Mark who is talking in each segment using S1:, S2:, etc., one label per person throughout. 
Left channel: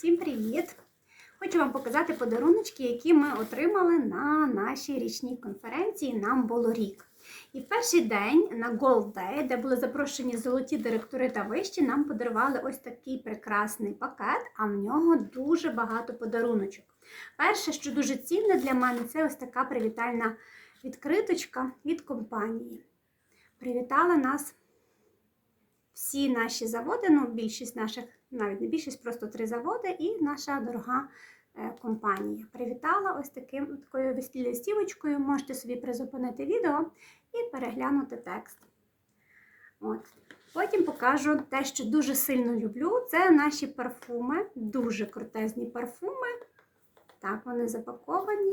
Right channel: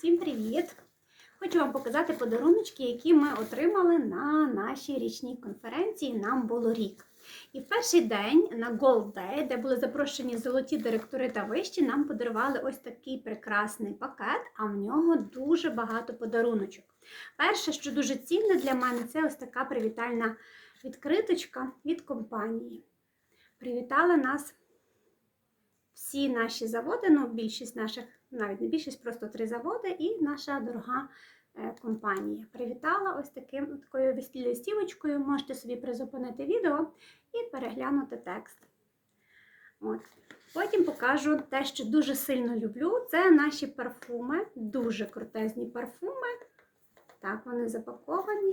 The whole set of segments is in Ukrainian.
S1: Всім привіт! Хочу вам показати подаруночки, які ми отримали на нашій річній конференції. Нам було рік. І в перший день на Gold Day, де були запрошені золоті директори та вищі, нам подарували ось такий прекрасний пакет, а в нього дуже багато подаруночок. Перше, що дуже цінне для мене, це ось така привітальна відкриточка від компанії. Привітали нас всі наші заводи, ну більшість наших, навіть не більшість, просто три заводи, і наша дорога е, компанія. Привітала ось таким такою листівочкою. Можете собі призупинити відео і переглянути текст. От. Потім покажу те, що дуже сильно люблю. Це наші парфуми, дуже крутезні парфуми. Так, вони запаковані.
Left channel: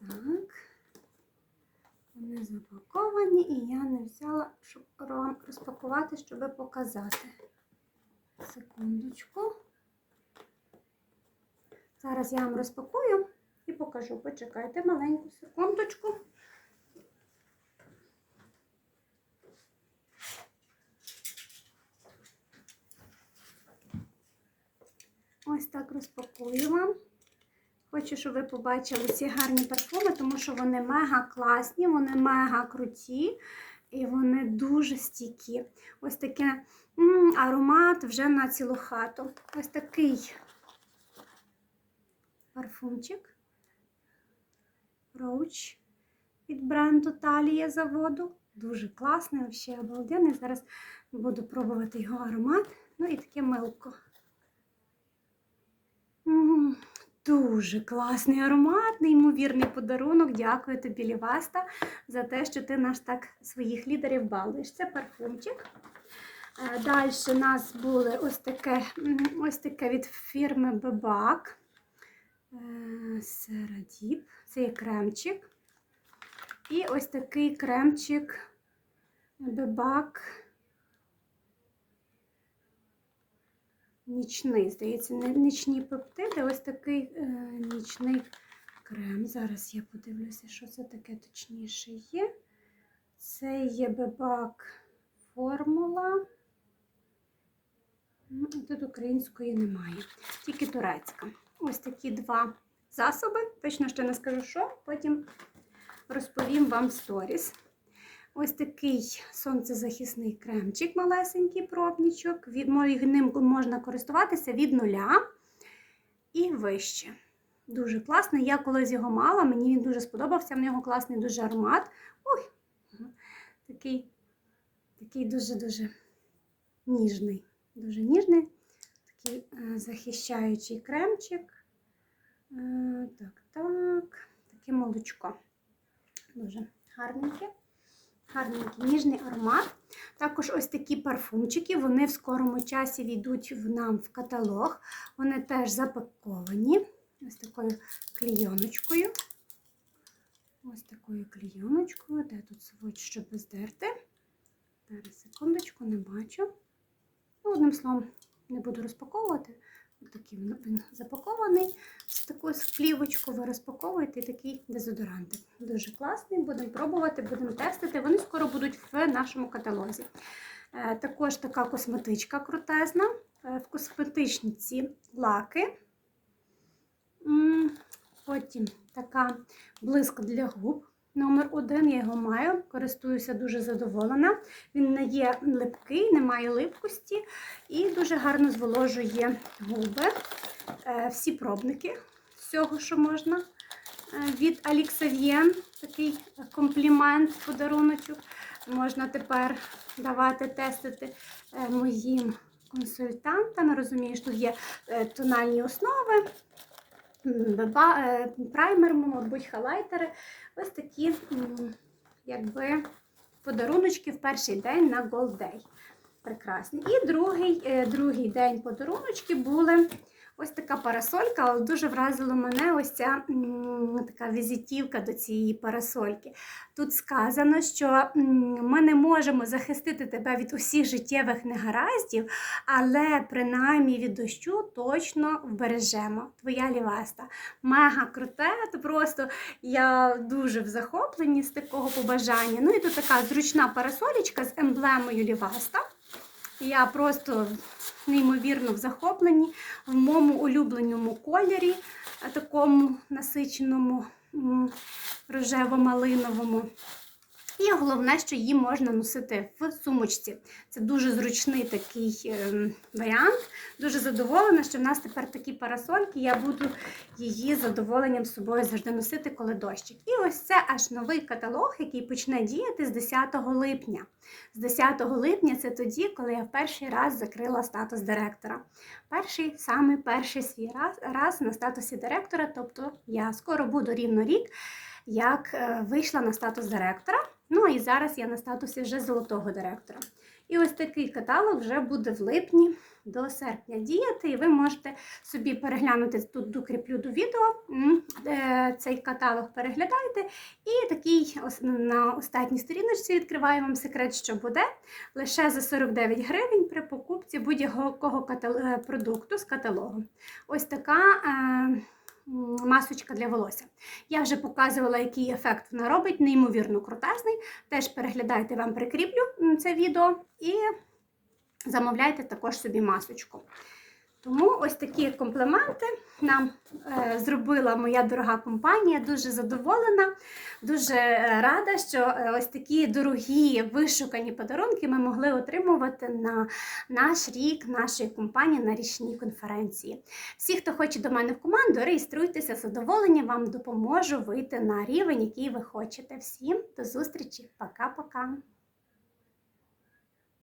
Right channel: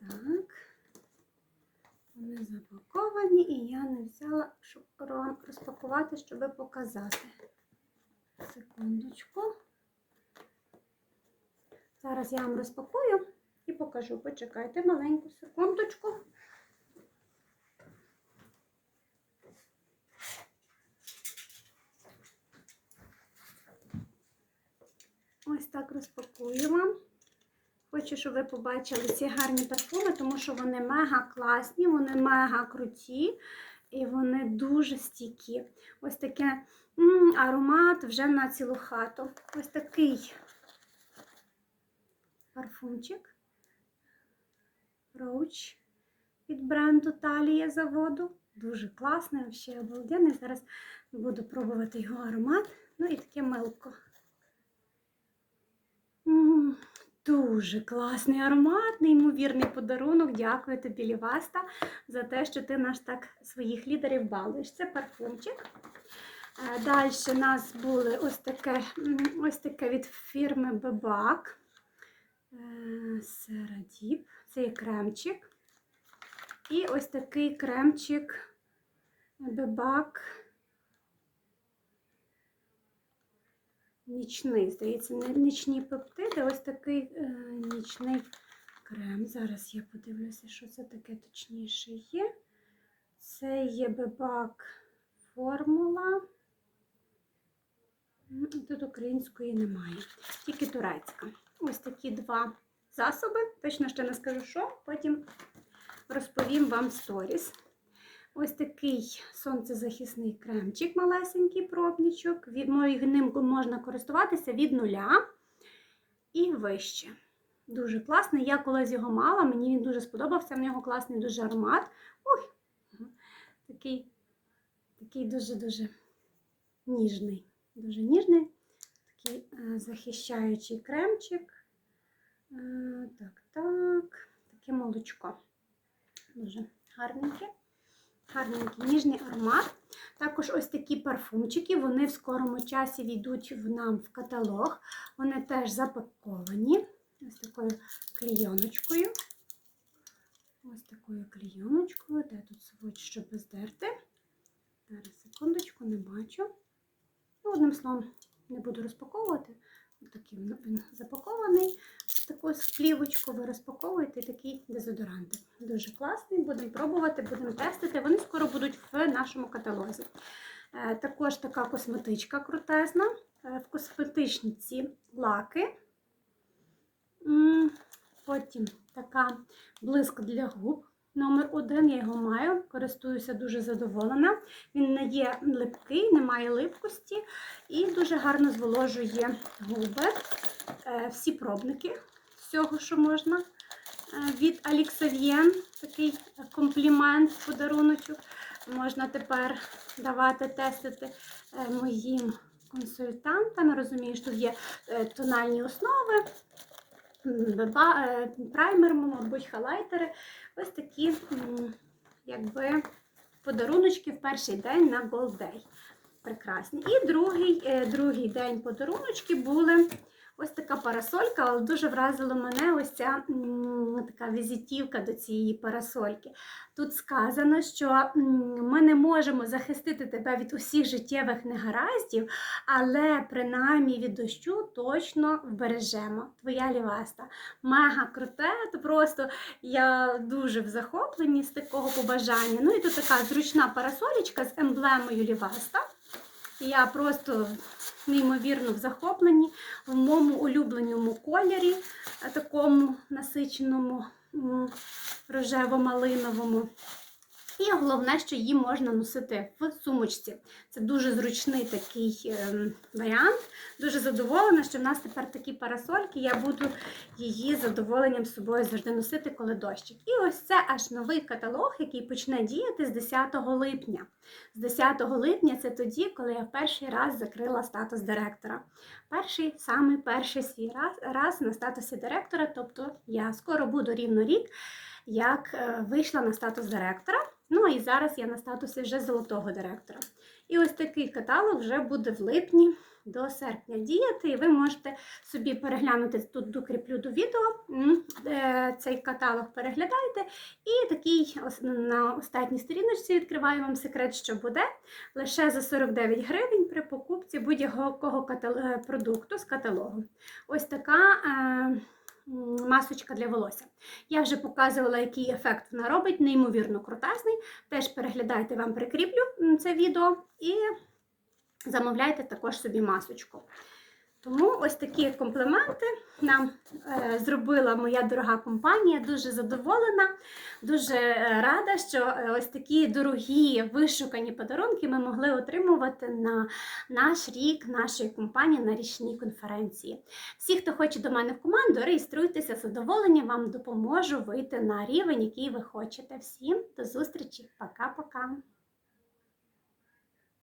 S1: Так. Вони запаковані, і я не взяла, щоб вам розпакувати, щоб показати. Секундочку. Зараз я вам розпакую і покажу. Почекайте маленьку секундочку. Ось так розпакую вам. Хочу, щоб ви побачили ці гарні парфуми, тому що вони мега класні, вони мега круті і вони дуже стійкі. Ось такий аромат вже на цілу хату. Ось такий парфумчик. Роуч від бренду Талія заводу. Дуже класний, взагалі обалденний. Зараз буду пробувати його аромат. Ну і таке милко. М, Дуже класний аромат, неймовірний подарунок. Дякую тобі, Ліваста, за те, що ти наш так своїх лідерів балуєш. Це парфумчик. Далі у нас були ось таке, ось таке від фірми Бебак. Серадіп. Це є кремчик. І ось такий кремчик Бебак. Нічний, здається, нічні пептиди, ось такий е, нічний крем. Зараз я подивлюся, що це таке точніше є. Це є бебак формула. Ну, Тут української немає, тільки турецька. Ось такі два засоби. Точно ще не скажу, що, потім розповім вам сторіс. Ось такий сонцезахисний кремчик, малесенький пробничок. Від, ним можна користуватися від нуля і вище. Дуже класний. Я колись його мала, мені він дуже сподобався, в нього класний дуже аромат. Ой, такий такий дуже-дуже ніжний. Дуже ніжний, такий е, захищаючий кремчик. Е, так, так, таке молочко. Дуже гарненьке. Гарненький ніжний аромат. Також ось такі парфумчики, вони в скорому часі війдуть в нам в каталог. Вони теж запаковані ось такою клійоночкою. Ось такою клійоночкою. Де тут сводч, щоб здерти? Зараз, секундочку, не бачу. Ну, Одним словом, не буду розпаковувати. Ось такий він запакований. З такою плівочку ви розпаковуєте такий дезодорантик. Дуже класний, будемо пробувати, будемо тестити. Вони скоро будуть в нашому каталозі. Е, Також така косметичка крутезна. Е, В косметичниці лаки. Потім така блиск для губ. Номер один, я його маю, користуюся дуже задоволена. Він не є липкий, не має липкості і дуже гарно зволожує губи. Е, Всі пробники всього, що можна. Е, Від Аліксав'єн такий комплімент, подаруночок. Можна тепер давати тестити е, моїм консультантам. Розумію, що тут є е, тональні основи, праймер, мабуть, хайлайтери. Ось такі якби, подаруночки в перший день на Gold Day. Прекрасні. І другий, другий день подаруночки були ось така парасолька, але дуже вразила мене ось ця така візитівка до цієї парасольки. Тут сказано, що ми не можемо захистити тебе від усіх життєвих негараздів, але принаймні від дощу точно вбережемо. Твоя ліваста. Мега круте, то просто я дуже в захопленні з такого побажання. Ну і тут така зручна парасолічка з емблемою ліваста. Я просто неймовірно в захопленні в моєму улюбленому кольорі, такому насиченому рожево-малиновому. І головне, що її можна носити в сумочці. Це дуже зручний такий ем, варіант. Дуже задоволена, що в нас тепер такі парасольки. Я буду її задоволенням собою завжди носити, коли дощик. І ось це аж новий каталог, який почне діяти з 10 липня. З 10 липня це тоді, коли я в перший раз закрила статус директора. Перший, саме перший свій раз, раз на статусі директора, тобто я скоро буду рівно рік, як е, вийшла на статус директора. Ну і зараз я на статусі вже золотого директора. І ось такий каталог вже буде в липні до серпня діяти, і ви можете собі переглянути тут докріплю до відео. е, Цей каталог переглядаєте. І такий на останній сторіночці відкриваю вам секрет, що буде лише за 49 гривень при покупці будь-якого е, продукту з каталогу. Ось така. Масочка для волосся. Я вже показувала, який ефект вона робить, неймовірно крутезний. Теж переглядайте, вам прикріплю це відео і замовляйте також собі масочку. Тому ось такі компліменти нам е, зробила моя дорога компанія. Дуже задоволена, дуже е, рада, що е, ось такі дорогі вишукані подарунки ми могли отримувати на наш рік нашої компанії на річній конференції. Всі, хто хоче до мене в команду, реєструйтеся з задоволенням, вам допоможу вийти на рівень, який ви хочете. Всім до зустрічі, пока-пока.